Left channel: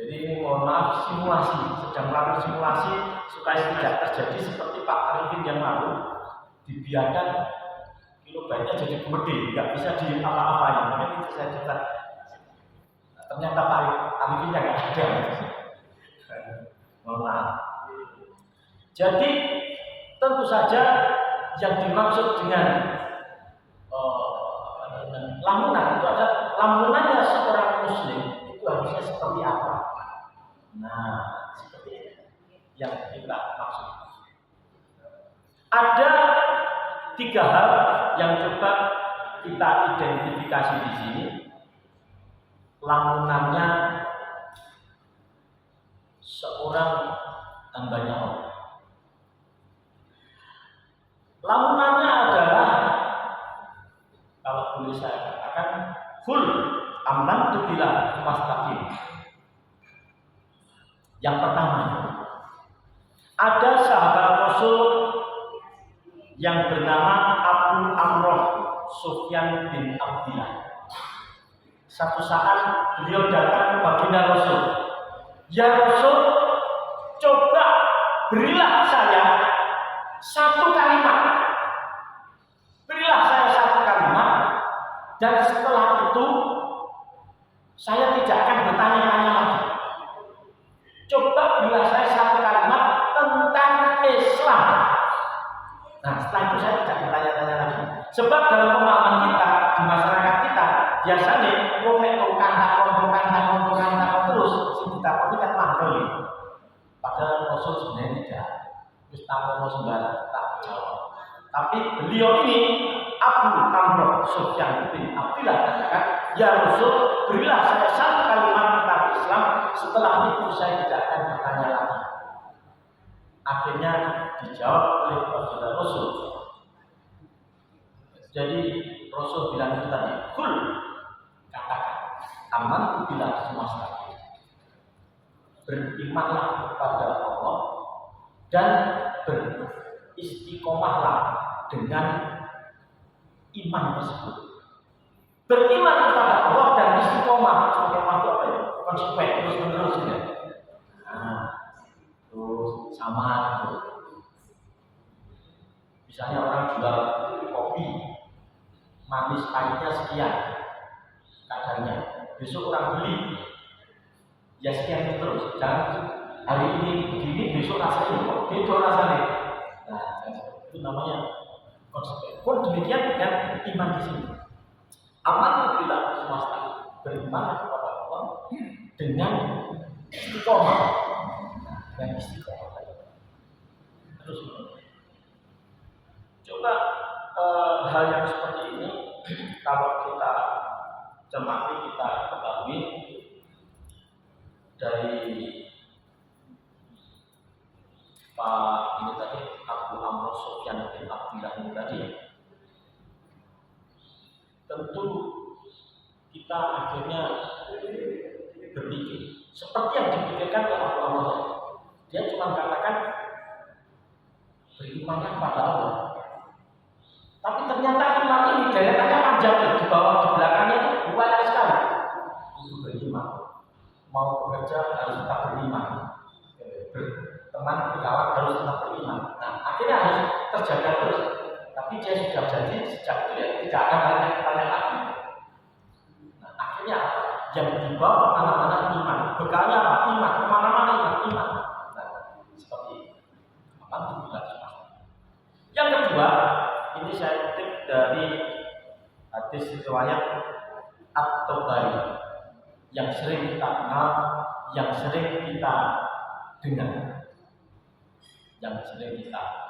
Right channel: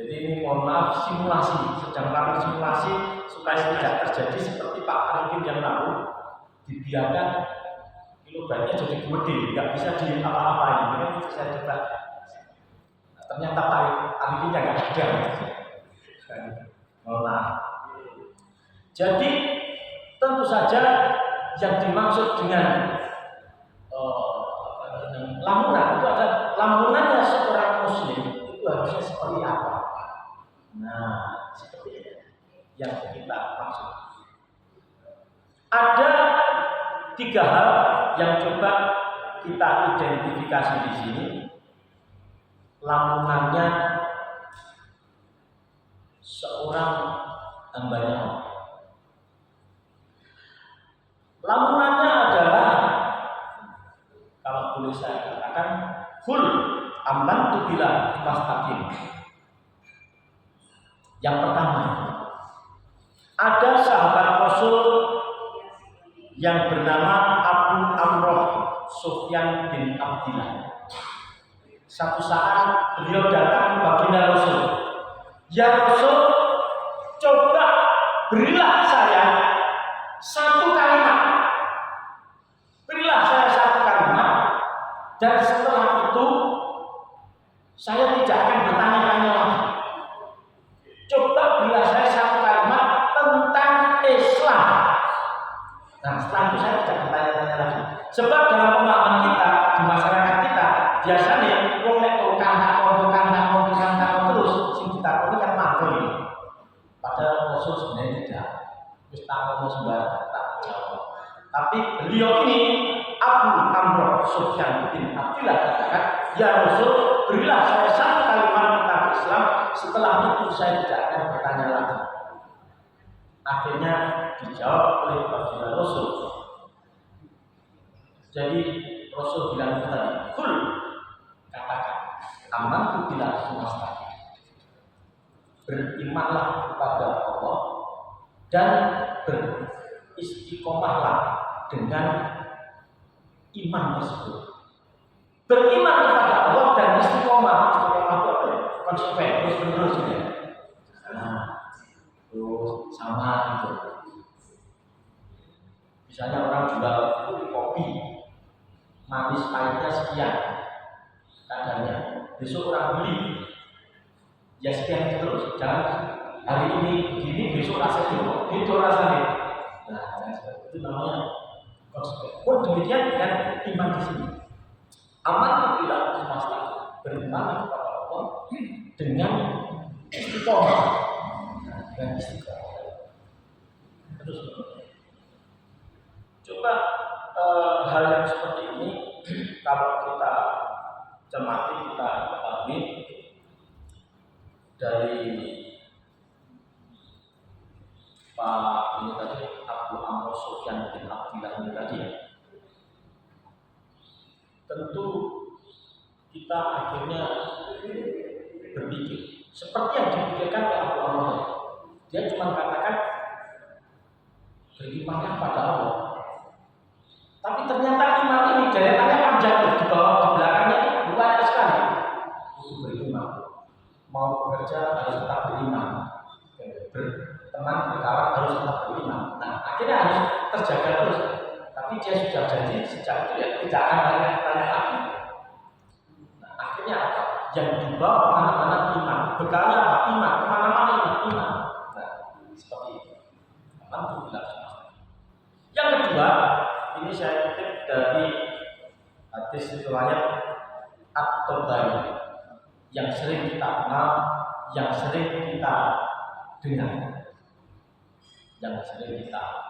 Jadi ini mohon maaf simulasi, sedang melakukan simulasi supaya tidak terjadi seperti Pak Arifin yang lalu, dibiarkan kilobyte-nya jadi gede, nggak bisa di apa-apain. Makanya itu saya coba. Ternyata Pak Arifin nggak ada. Mohon maaf. Jadi tentu saja yang dimaksud dengan lamunan itu ada lamunannya seorang muslim itu harusnya seperti apa? Nah, seperti ini yang kita maksud. Ada 3 hal yang coba kita identifikasi di sini. Lamunannya seorang hambanya Allah. Lamunannya adalah, kalau boleh saya katakan, full amantu billah fastaqim. Yang pertama, ada sahabat Rasul yang bernama Abu Amroh Sufyan bin Abdillah. Satu saat beliau datang ke baginda Rasul. Ya Rasul, coba berilah saya satu kalimat. Berilah saya satu kalimat, dan setelah itu saya tidak akan bertanya-tanya lagi. Coba berilah saya satu kalimat tentang Islam. Nah, setelah itu saya tidak bertanya-tanya lagi. Sebab dalam pemahaman kita, di masyarakat kita, biasanya wong nek tukang takon terus, sing ditakoni kan mantul. Padahal Rasul sebenarnya tidak. Wis takono sembarang tak jawab. Tapi beliau ini Abu Amroh Sufyan bin Abdillah katakan, ya Rasul, berilah saya satu kalimat tentang Islam. Setelah itu saya tidak akan bertanya lagi. Akhirnya dijawab oleh baginda Rasul. Jadi Rasul bilang itu tadi, kul, katakan, amantu billah semesta. Berimanlah kepada Allah dan beristiqomahlah dengan iman tersebut. Beriman kepada Allah dan istiqomah. Istiqomah itu apa ya? Konsisten, terus menerus ya. Nah, terus sama gitu. Misalnya orang jual kopi, manis pahitnya sekian kadarnya. Besok orang beli, ya sekian terus. Jangan hari ini begini, besok rasanya kok beda rasanya. Nah, itu namanya konsisten. Pun demikian dengan iman di sini. Aman bila semesta, beriman kepada Allah dengan istiqomah. Dengan istiqomah. Terus coba hal yang seperti ini kalau kita cermati, kita ketahui dari Pak ini tadi, Abu Amroh Sufyan bin Abdillah ini tadi ya. Tentu kita akhirnya berpikir seperti yang dipikirkan oleh Abu Amroh. Dia cuma katakan berimannya pada Allah. Tapi ternyata iman ini deretannya panjang, di bawah, di belakangnya itu banyak sekali. Itu beriman. Mau bekerja harus tetap beriman. Berteman, berkawan harus tetap beriman. Nah, akhirnya harus terjaga terus. Tapi dia sudah janji sejak itu ya tidak akan tanya lagi. Nah, akhirnya apa? Yang dibawa kemana-mana iman. Bekalnya apa? Iman. Kemana-mana iman. Nah, seperti itu. Alhamdulillah. Yang kedua, ini saya kutip dari hadis riwayat At-Tabari yang sering kita kenal, yang sering kita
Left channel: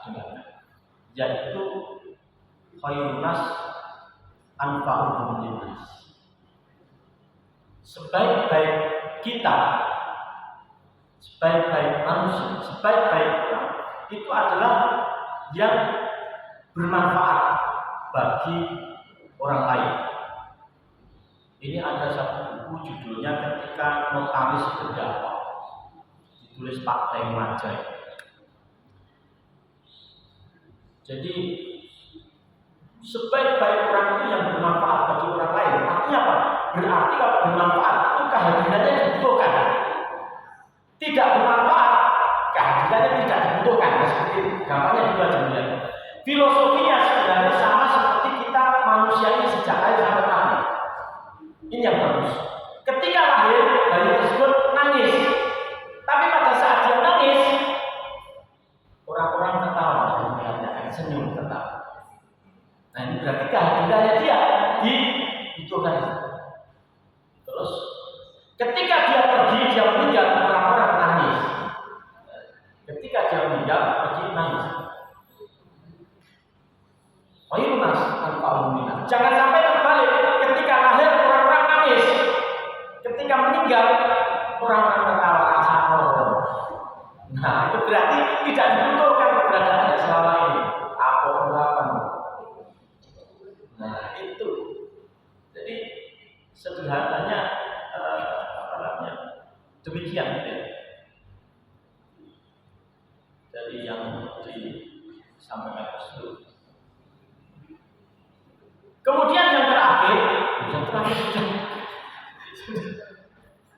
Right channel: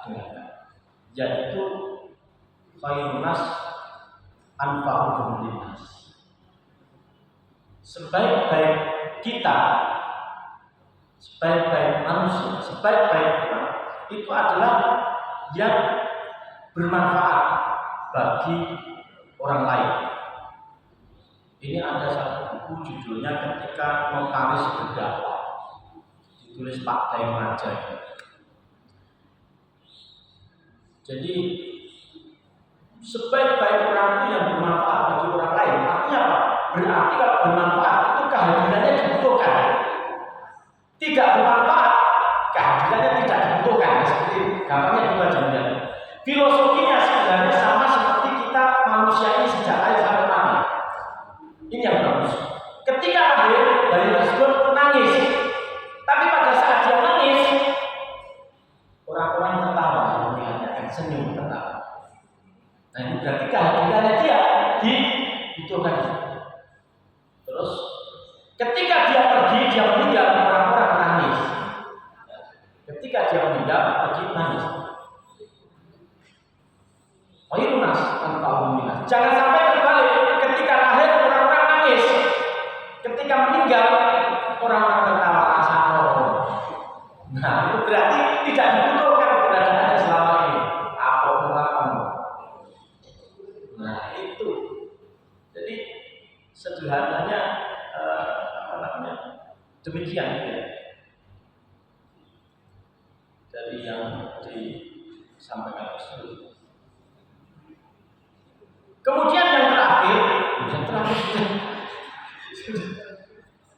dengar, yaitu khairun nas anfa'uhum linnas. Sebaik-baik kita, sebaik-baik manusia, sebaik-baik orang itu adalah yang bermanfaat bagi orang lain. Ini ada satu buku judulnya Ketika Notaris Berdakwah, ditulis Pak Daeng Majai. Jadi sebaik-baik orang itu yang bermanfaat bagi orang lain. Artinya apa? Berarti kalau bermanfaat itu kehadirannya dibutuhkan. tidak bermanfaat, kehadirannya tidak dibutuhkan. Nah, seperti gampangnya gitu aja ya. Filosofinya sebenarnya sama seperti kita manusia ini sejak lahir sampai mati. Ini yang bagus. Ketika lahir, bayi tersebut nangis. Tapi pada saat dia nangis, orang-orang tertawa, melihatnya akan senyum tertawa. Nah, ini berarti kehadirannya dia dibutuhkan. Terus ketika dia pergi, dia meninggal, orang-orang nangis. Ketika dia meninggal, pergi nangis. Khairunas anfa'uminas. Jangan sampai terbalik. Ketika lahir orang-orang nangis. Ketika meninggal orang-orang tertawa asal. Nah, itu berarti tidak dibutuhkan keberadaannya selama ini. Apa? Nah, itu. Jadi sederhananya demikian ya. Dari yang disampaikan tersebut. Kemudian yang terakhir sudah.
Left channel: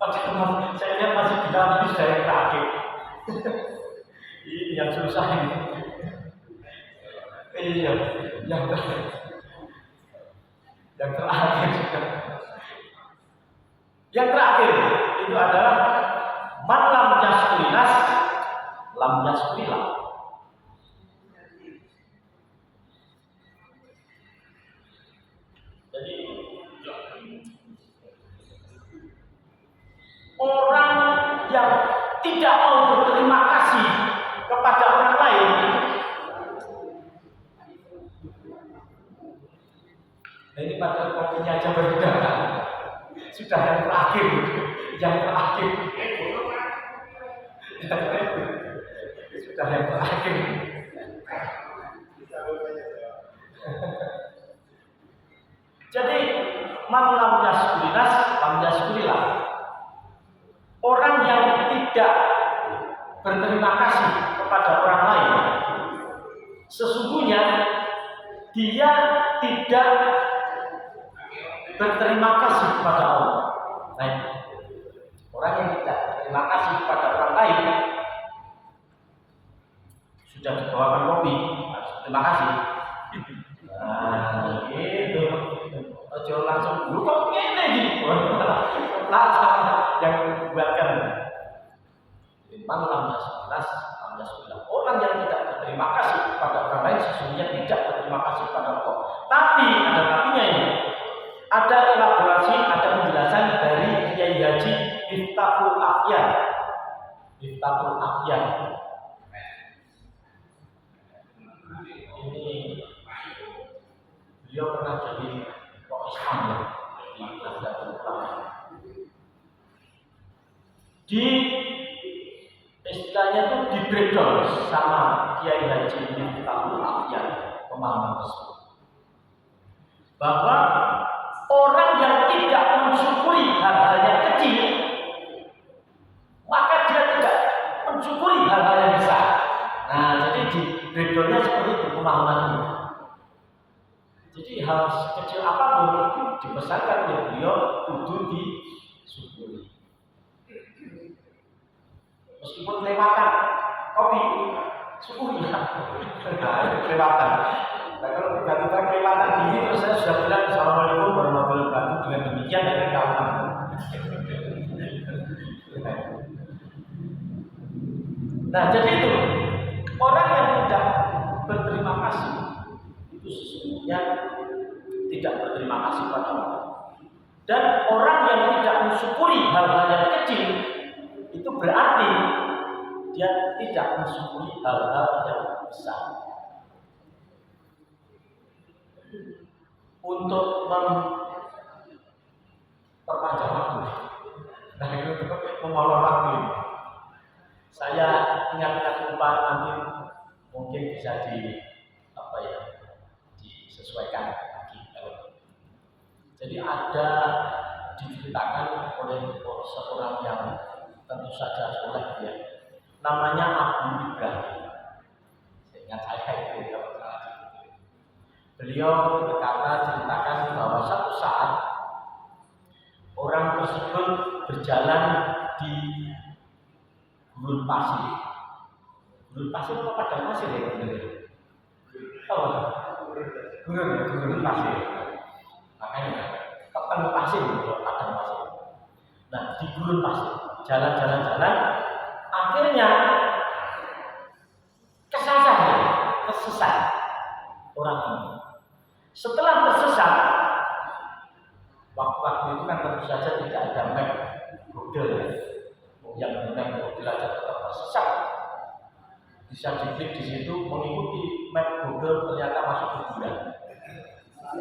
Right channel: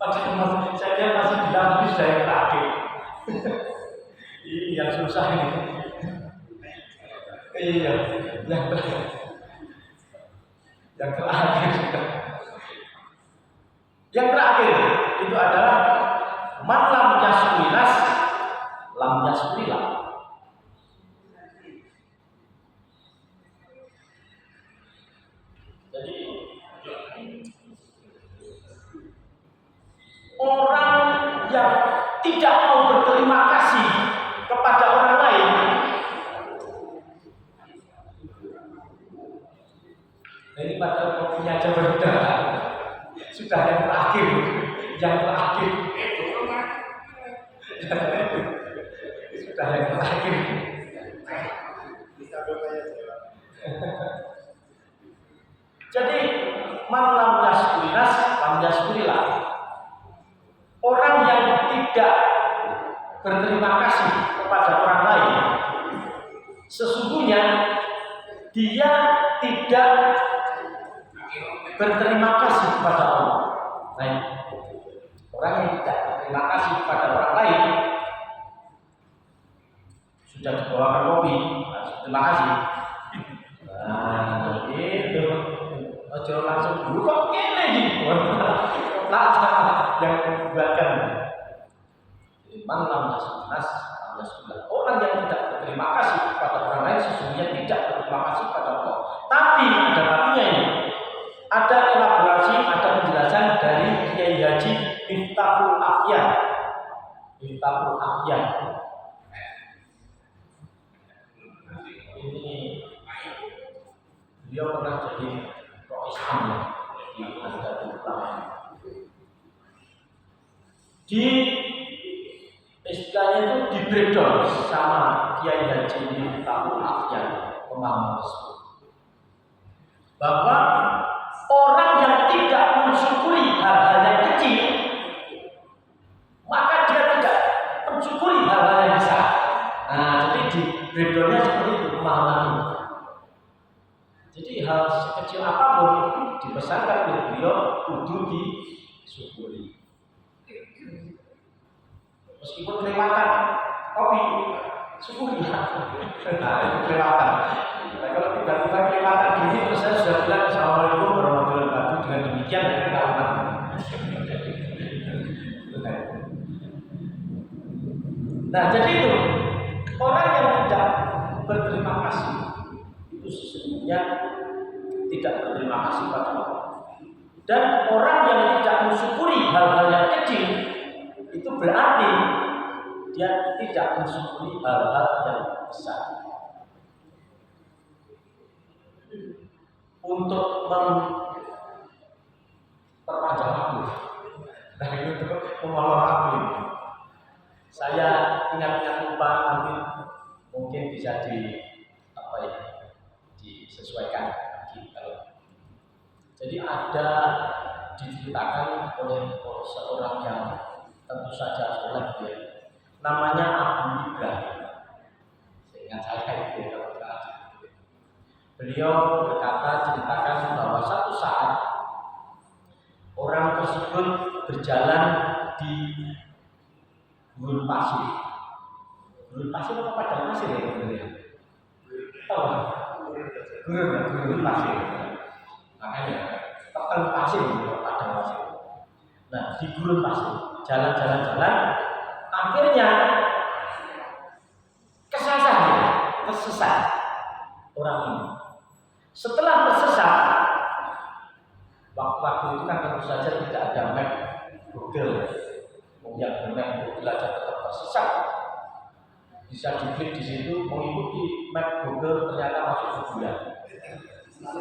Padahal saya lihat masih bilang ini sudah yang terakhir. Ini yang susah ini. Iya, yang terakhir. Yang terakhir itu adalah man lam yaskulinas lam yaskulillah. Jadi orang yang tidak mau berterima kasih kepada orang lain, nah ini padahal kopinya aja berbeda. Sudah yang terakhir. Sudah yang terakhir. Jadi man lam yaskulinas lam yaskulillah. Orang yang tidak berterima kasih kepada orang lain, sesungguhnya dia tidak berterima kasih kepada Allah. Nah, orang yang tidak berterima kasih kepada orang lain sudah dibawakan kopi, harus terima kasih. Nah, gitu. Ojo langsung dulu kok ngene iki. Yang membuatkan man lam yaskulinas. Orang yang tidak berterima kasih kepada orang lain sesungguhnya tidak berterima kasih kepada Allah. Tapi ada tapinya ini. Ada elaborasi, ada penjelasan dari Kiai Haji Miftahul Afyan. Ini beliau pernah jadi Roh Islam ya, di Nahdlatul Ulama. Di istilahnya itu di breakdown sama Kiai Haji Miftahul Afyan pemahaman tersebut. Bahwa orang yang tidak mensyukuri hal-hal yang kecil, maka dia tidak mensyukuri hal-hal yang besar. Nah, jadi di breakdownnya seperti itu pemahaman ini. Jadi hal sekecil apapun dipesankan oleh beliau kudu disyukuri. Meskipun kelewatan kopi, syukuri ya. Nah, itu kelewatan. Nah, kalau tiba-tiba kelewatan gini terus saya sudah bilang Assalamualaikum warahmatullahi wabarakatuh, dengan demikian saya tidak ulang. Nah, jadi itu orang yang tidak berterima kasih itu sesungguhnya tidak berterima kasih pada Allah. Dan orang yang tidak mensyukuri hal-hal yang kecil itu berarti dia tidak mensyukuri hal-hal yang besar. Untuk memperpanjang waktu, nah itu mengolor waktu ini. Saya ingat-ingat lupa, nanti mungkin bisa disesuaikan lagi. Jadi ada diceritakan oleh seorang yang tentu saja soleh dia, namanya Abu Ibrahim. Seingat saya itu kalau salah. Beliau berkata, ceritakan bahwa satu saat orang tersebut berjalan di gurun pasir. Gurun pasir apa padang pasir ya sebenarnya? Tahu nggak? Gurun pasir. Makanya peteng pasir itu padang pasir. Nah di gurun pasir, jalan-jalan, akhirnya tersesat orang ini. Setelah tersesat, waktu itu kan tentu saja tidak ada map Google. Yang map Google aja tetap tersesat. Bisa diklik di situ, mengikuti map Google ternyata masuk ke bulan.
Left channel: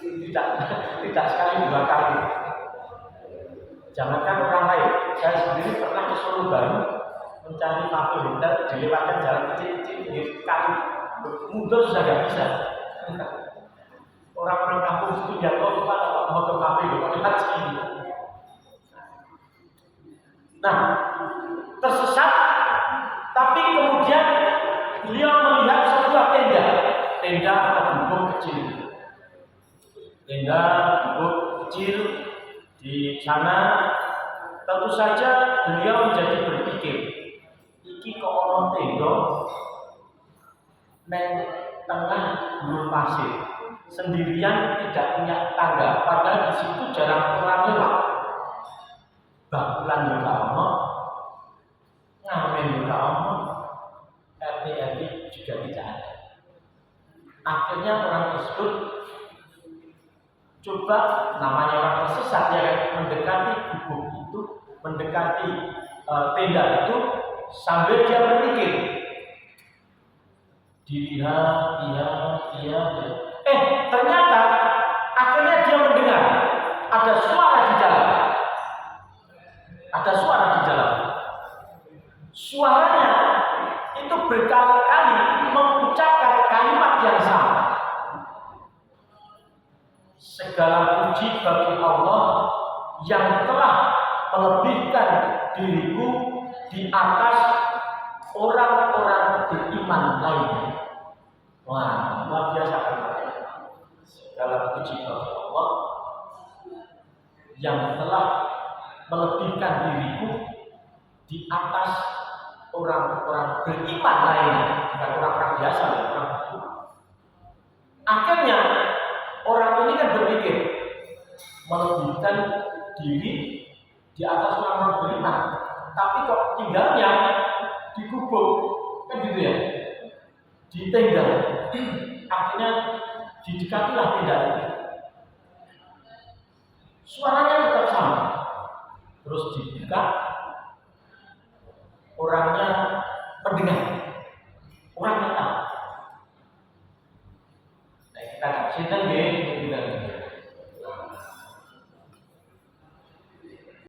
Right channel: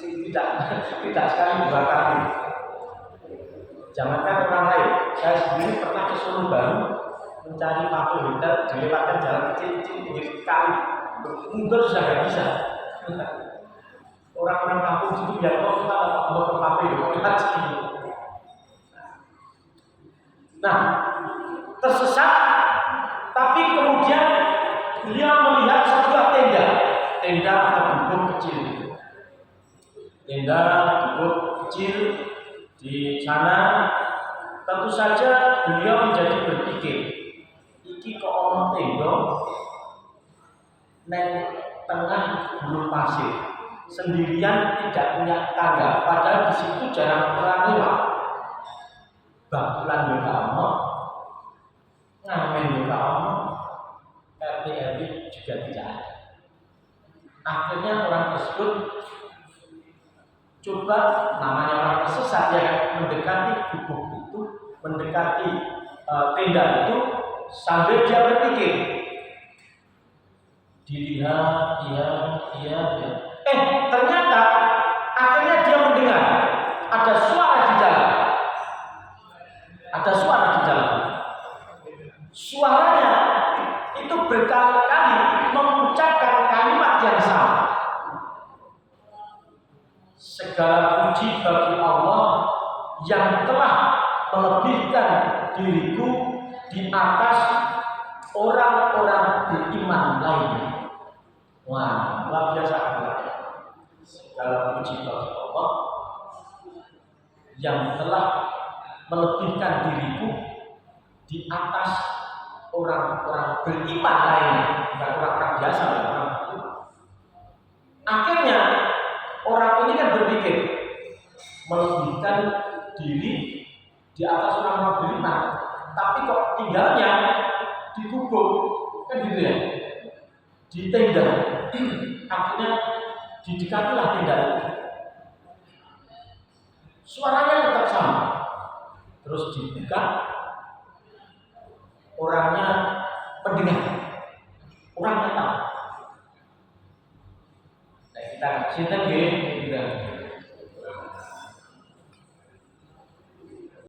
Tidak sekali dua kali. Jangankan orang lain, saya sendiri pernah ke Solo Baru mencari kafe hotel, dilewatkan jalan kecil-kecil pinggir kali, mundur sudah nggak bisa. Orang-orang kampung situ yang tahu kemana mau ke kafe mau lewat sini. Nah, tersesat, tapi kemudian beliau melihat sebuah tenda atau gubuk kecil. Tenda gubuk kecil di sana. Tentu saja beliau menjadi berpikir, iki kok ono tenda neng tengah gurun pasir, sendirian tidak punya tangga, padahal di situ jarang orang lewat. Bakulan juga ono, ngamen juga ono, RT RW juga tidak ada. Akhirnya orang tersebut coba, namanya orang tersesat ya kan, mendekati gubuk itu, mendekati tenda itu, sambil dia berpikir, dilihat, iya. Ternyata akhirnya dia mendengar ada suara di dalam. Ada suara di dalam. Suaranya itu berkali-kali mengucapkan kalimat yang sama. Segala puji bagi Allah yang telah melebihkan diriku di atas orang-orang beriman lainnya. Wah, luar biasa kan? Segala puji bagi Allah yang telah melebihkan diriku di atas orang-orang beriman lainnya, bukan orang-orang biasa, orang beriman. Akhirnya orang ini kan berpikir melebihkan diri di atas orang-orang beriman, tapi kok tinggalnya di gubuk, kan gitu ya, di tenda. Akhirnya didekatilah tenda itu. Suaranya tetap sama, terus dibuka, orangnya mendengar, orangnya tahu. Nah kita sinten nggih,